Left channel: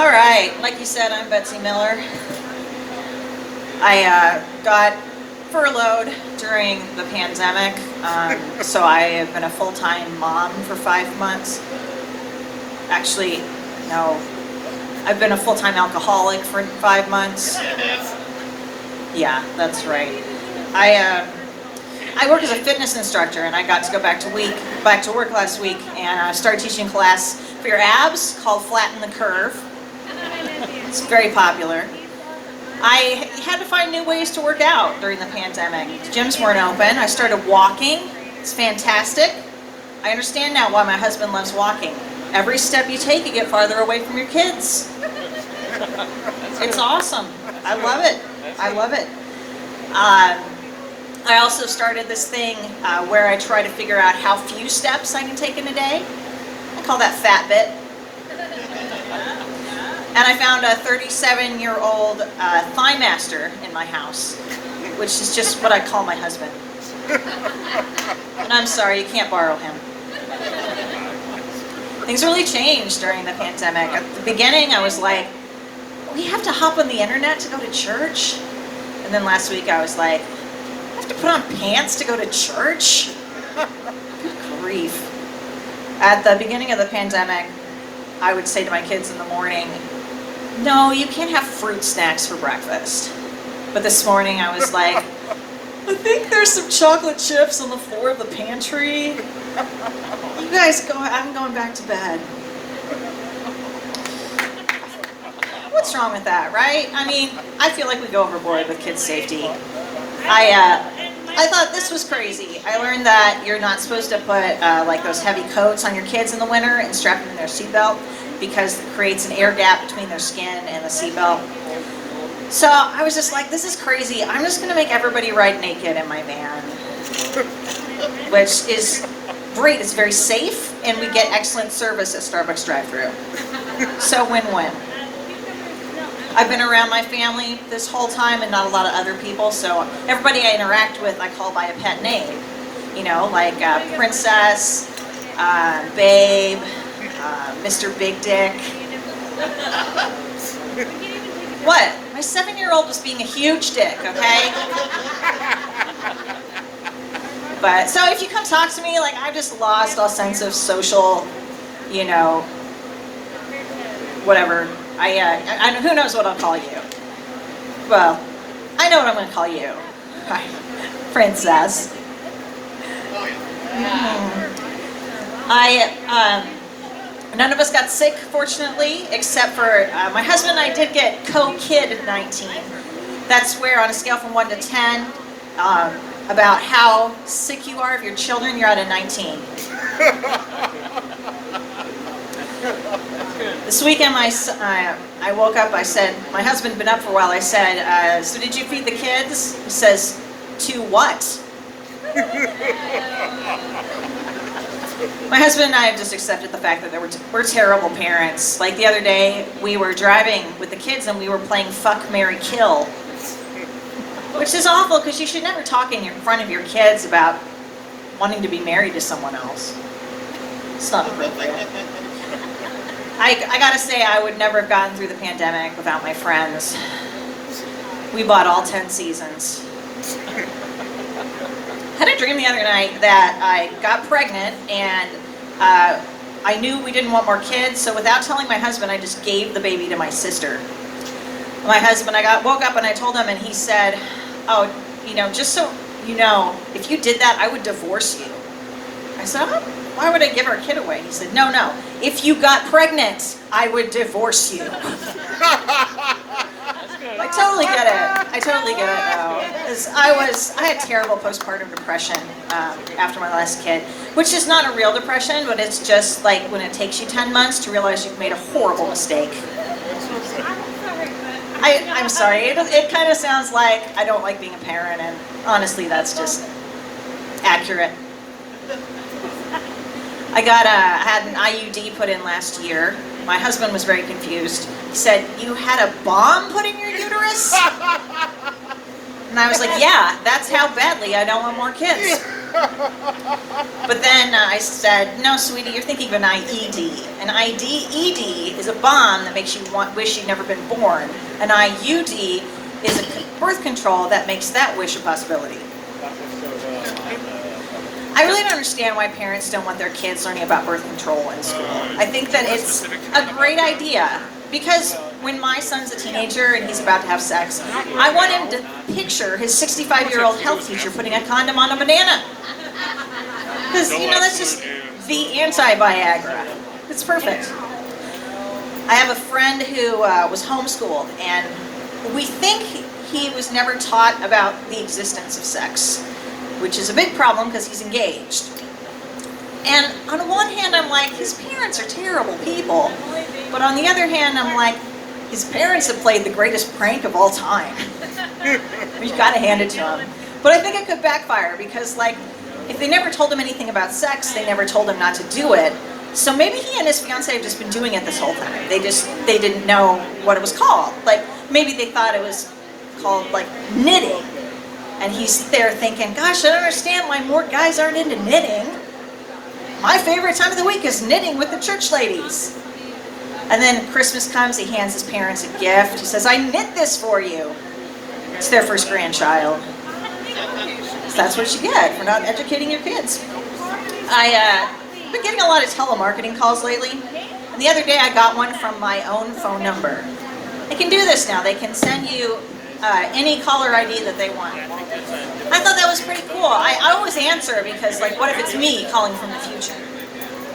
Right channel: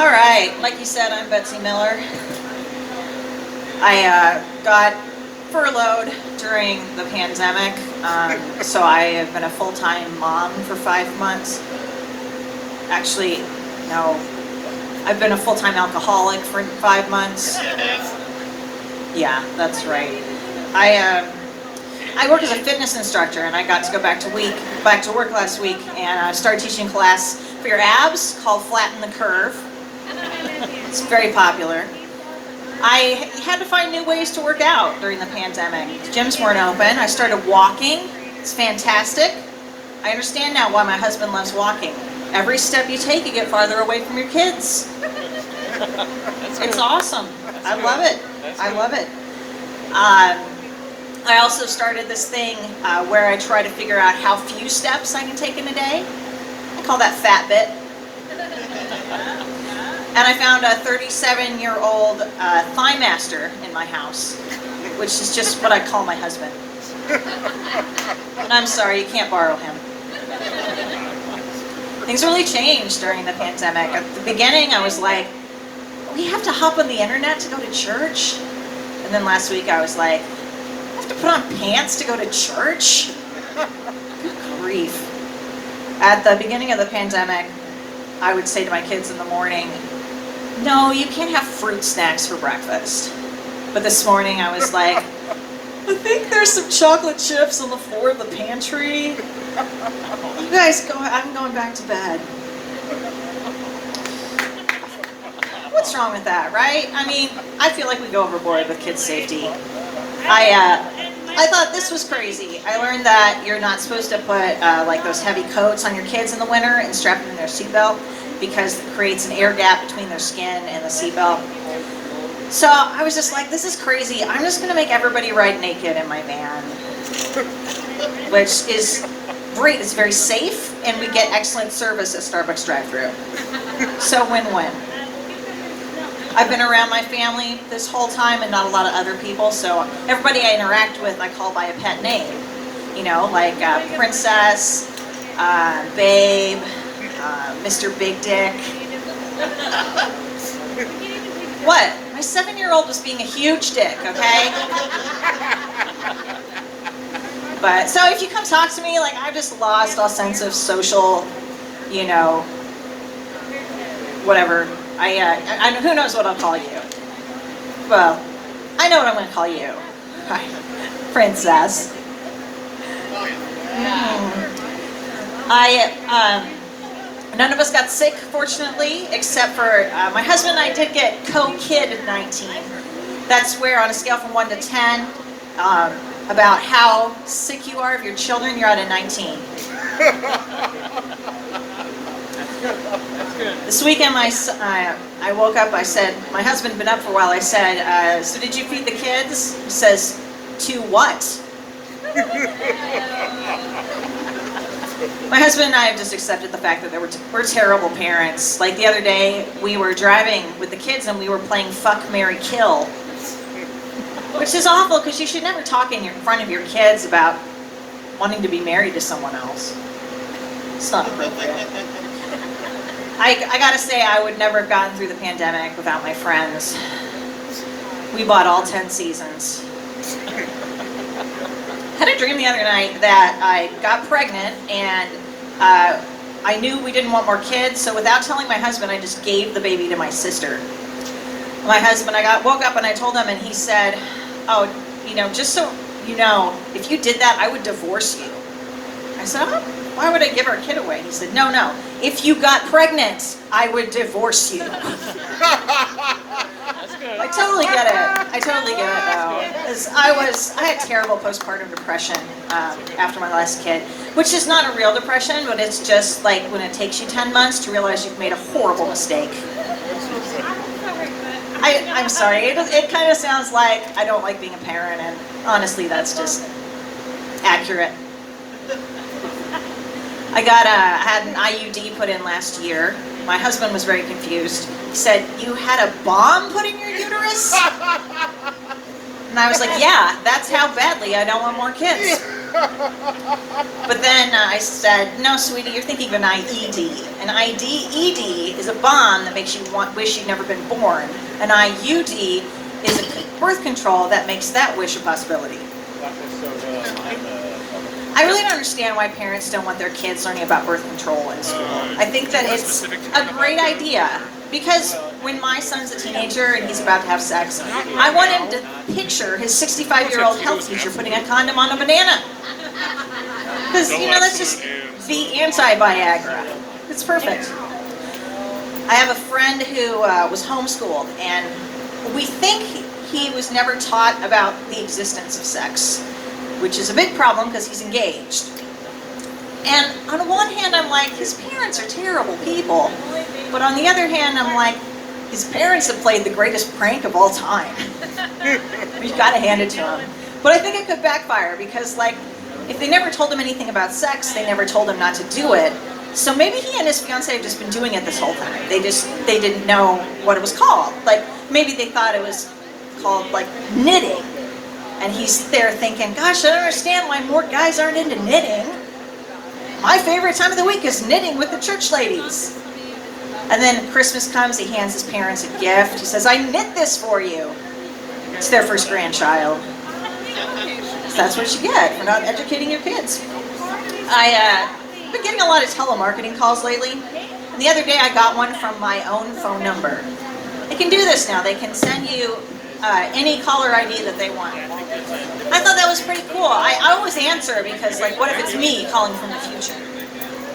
All right, like you said, I'm Betsy Miller. I got furloughed during the pandemic, so I have been a full-time mom for 5 months. Actually, no, I've been a full-time alcoholic for 5 months. Yeah, that's right. I work as a fitness instructor, and I got to go back to work last week, and I started teaching a class for your abs called Flatten the Curve. It's very popular. I had to find new ways to work out during the pandemic. The gyms weren't open. I started walking. It's fantastic. I understand now why my husband loves walking. Every step you take, you get farther away from your kids. It's awesome. I love it. I love it. I also started this thing where I try to figure out how few steps I can take in a day. I call that Fitbit. And I found a 37-year-old thigh master in my house, which is just what I call my husband. And I'm sorry, you can't borrow him. Things really changed during the pandemic. At the beginning, I was like, we have to hop on the internet to go to church? And then last week, I was like, I have to put on pants to go to church? Good grief. At the beginning of the pandemic, I would say to my kids in the morning, no, you can't have fruit snacks for breakfast. But this morning I was like, I think there's some chocolate chips on the floor of the pantry. You guys go, I'm going back to bed. What's wrong with that, right? I mean, I feel like we go overboard with kids' safety. I thought this was crazy. I learned that you're not supposed to put like those heavy coats on your kids in the winter and strap them in their seatbelt because it creates an air gap between their skin and the seatbelt. So I was just like, this is crazy. I'm just going to make everybody ride naked in my van, which is great. It's very safe, and we get excellent service at Starbucks drive-thru. So win-win. I've been around my family this whole time and not a lot of other people, so everybody I interact with I call by a pet name. You know, like Princess, Babe, Mr. Big Dick. What? My 7-year-old was being a huge dick, okay? But, so if you come talk to me, like, I've just lost all sense of social, you know, whatever. I who knows what I'll call you? Well, I know what I'm going to call you. Princess. None of us got sick, fortunately, except for my husband and I did get COVID-19. That's where, on a scale from 1 to 10, about how sick you are of your children, you're at a 19. This weekend, I woke up, I said, my husband had been up for a while, I said, so did you feed the kids? He says, to what? My husband and I have just accepted the fact that we're terrible parents. Like the other day, we were driving with the kids and we were playing Fuck, Marry, Kill. Which is awful because you should never talk in front of your kids about wanting to be married to someone else. It's not appropriate. I gotta say, I would never have gotten through the pandemic without my friends. We bought all 10 seasons. I had a dream the other night that I got pregnant and I knew we didn't want more kids, so without telling my husband, I just gave the baby to my sister. My husband, woke up and I told him, and he said, oh, you know, just so you know, if you did that, I would divorce you. I said, oh, why would I give our kid away? He said, no, if you got pregnant, I would divorce you. I totally get it now. 'Cause I had terrible postpartum depression after my last kid, which is not a real depression, but it's just like when it takes you 10 months to realize you've made a horrible mistake. I'm sorry, it kind of sounds like I don't like being a parent, and honestly, that's just accurate. I had an IUD put in last year. My husband was very confused. He said, you had a bomb put in your uterus? And I was like, yeah, that's how badly I don't want more kids. But then I said, no, sweetie, you're thinking of an IED. An ED is a bomb that makes you wish you'd never been born. An IUD is a birth control that makes that wish a possibility. I really don't understand why parents don't want their kids learning about birth control in school. I think that it's a great idea because when my son's a teenager and he's about to have sex, I want him to picture his 65-year-old health teacher putting a condom on a banana. Because, that's just the anti-Viagra. It's perfect. I have a friend who was homeschooled, and we think he was never taught about the existence of sex, which is a big problem because he's engaged. And on the one hand, I'm like, his parents are terrible people. But on the other hand, I'm like, his parents have played the greatest prank of all time. We've got to hand it to him. But I think it could backfire because, if they never told him anything about sex, they never told him not to do it. So maybe he and his fiancée have just been doing it this whole time. They didn't know what it was called. Maybe they thought it was called, knitting. And he's there thinking, gosh, I don't understand why more guys aren't into knitting. My favorite time of the week is knitting with the church ladies. And then Christmas comes, he hands his parents a gift. He says, I knit this for you. It's their first grandchild. So that's what you get for not educating your kids. I've been getting a lot of telemarketing calls lately. And the other day I got one from my own phone number. They can do this now. They can send you any caller ID that they want. I thought that was pretty cool. I always answer because, what if it's me calling from the future?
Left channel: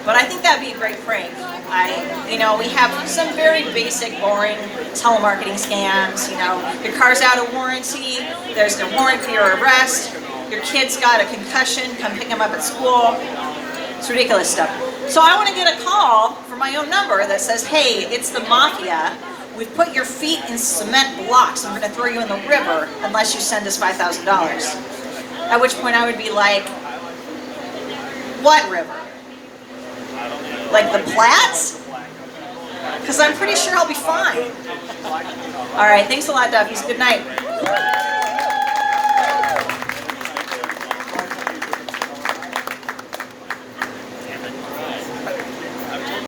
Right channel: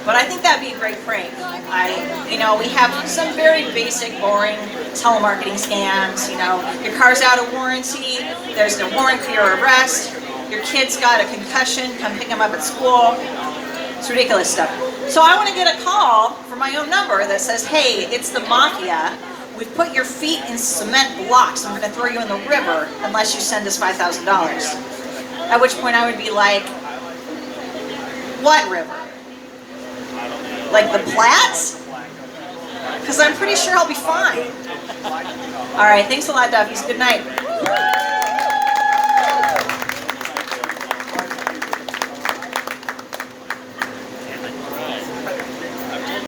But I think that'd be a great prank. We have some very basic, boring telemarketing scams. Your car's out of warranty. There's no warrant for your arrest. Your kid's got a concussion. Come pick them up at school. It's ridiculous stuff. So I want to get a call from my own number that says, hey, it's the mafia. We've put your feet in cement blocks. I'm going to throw you in the river unless you send us $5,000. At which point I would be like, what river? Like the Platte? Because I'm pretty sure I'll be fine. All right, thanks a lot, Duffy. Good night.